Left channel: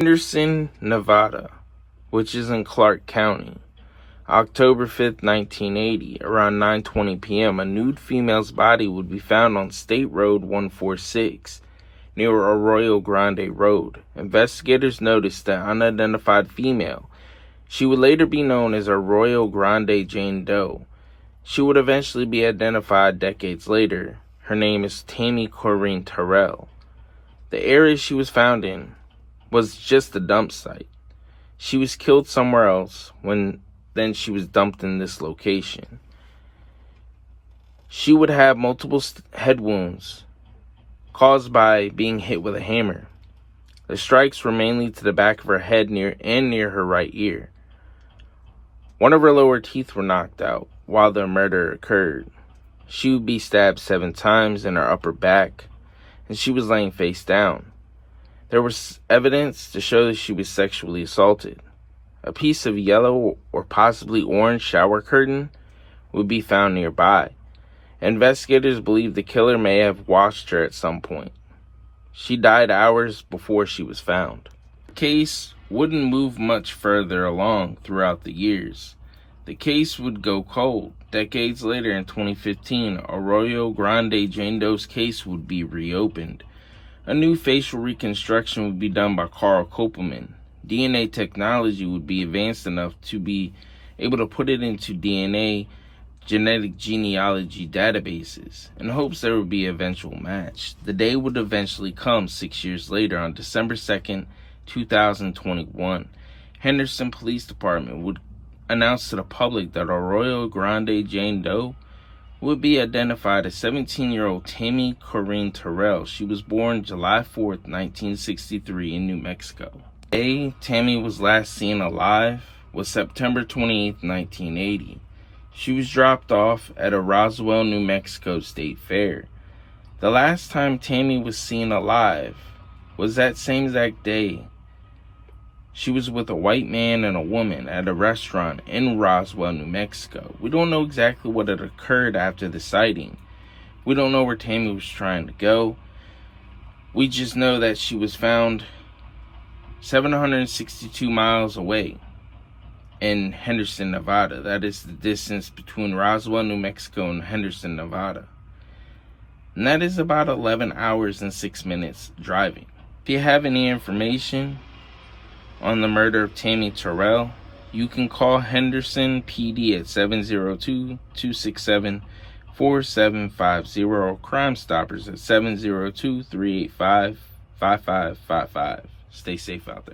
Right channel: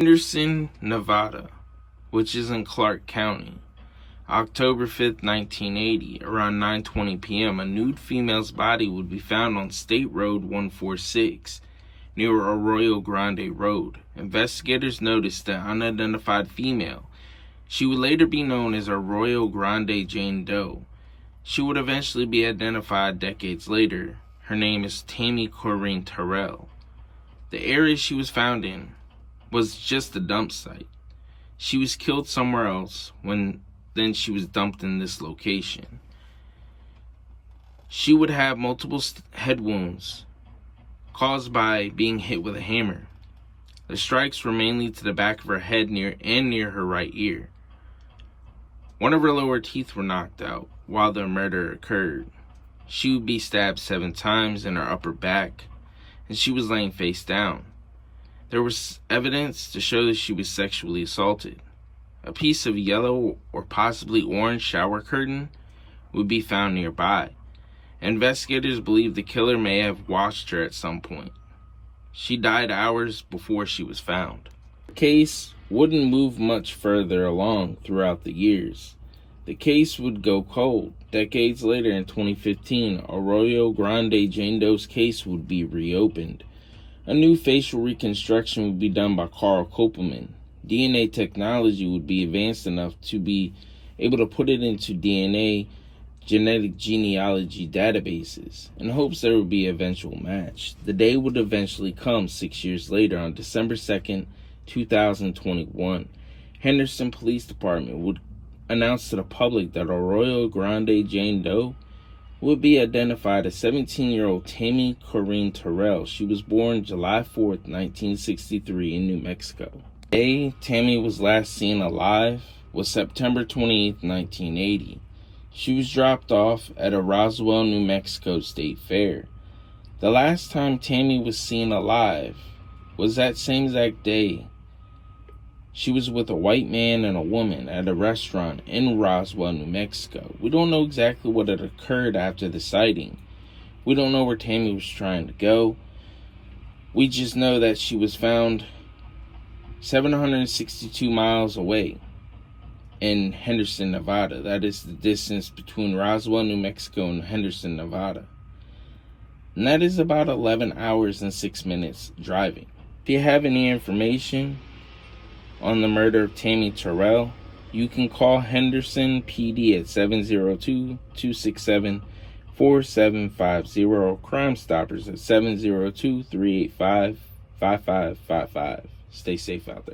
Henderson, Nevada, which is in Clark County. October 5th, 1980, around 9:20 p.m., a nude female's body would be found on State Road 146 near Arroyo Grande Road. Investigators noticed the unidentified female. She would later be known as Arroyo Grande Jane Doe. She would eventually be identified decades later. Her name is Tammy Terrell. The area she was found in was just a dump site. She was killed somewhere else then she was dumped in this location. She would have multiple head wounds caused by being hit with a hammer. The strikes were mainly to the back of her head near her right ear. One of her lower teeth were knocked out while the murder occurred. She would be stabbed 7 times in her upper back, and she was laying face down. There was evidence to show that she was sexually assaulted. A piece of yellow or possibly orange shower curtain would be found nearby. Investigators believe the killer may have washed her at some point. She died hours before she was found. The case wouldn't move much further along throughout the years. The case would go cold. Decades later, in 2015, Arroyo Grande Jane Doe's case would be reopened. A new facial reconstruction would be done by Carl Kopelman. DNA technology would be advanced enough to be able to put it into DNA genetic genealogy databases in hopes there would be an eventual match. The day would eventually come 6 years later on December 2nd, 2021. Henderson Police Department would announce to the public that Arroyo Grande Jane Doe would be identified as 17-year-old Tammy Terrell. She was born July 4th, 1963 in New Mexico. The day Tammy was last seen alive was September 28th, 1980. She was dropped off at a Roswell, New Mexico State Fair. The last time Tammy was seen alive was that same exact day. She was with a white man and a woman at a restaurant in Roswell, New Mexico. We don't know exactly what had occurred after the sighting. We don't know where Tammy was trying to go. We just know that she was found 762 miles away in Henderson, Nevada. That is the distance between Roswell, New Mexico and Henderson, Nevada. And that is about 11 hours and 6 minutes driving. If you have any information on the murder of Tammy Terrell, you can call Henderson PD at 702-267-4750 or Crime Stoppers at 702-385-5555. Stay safe out there.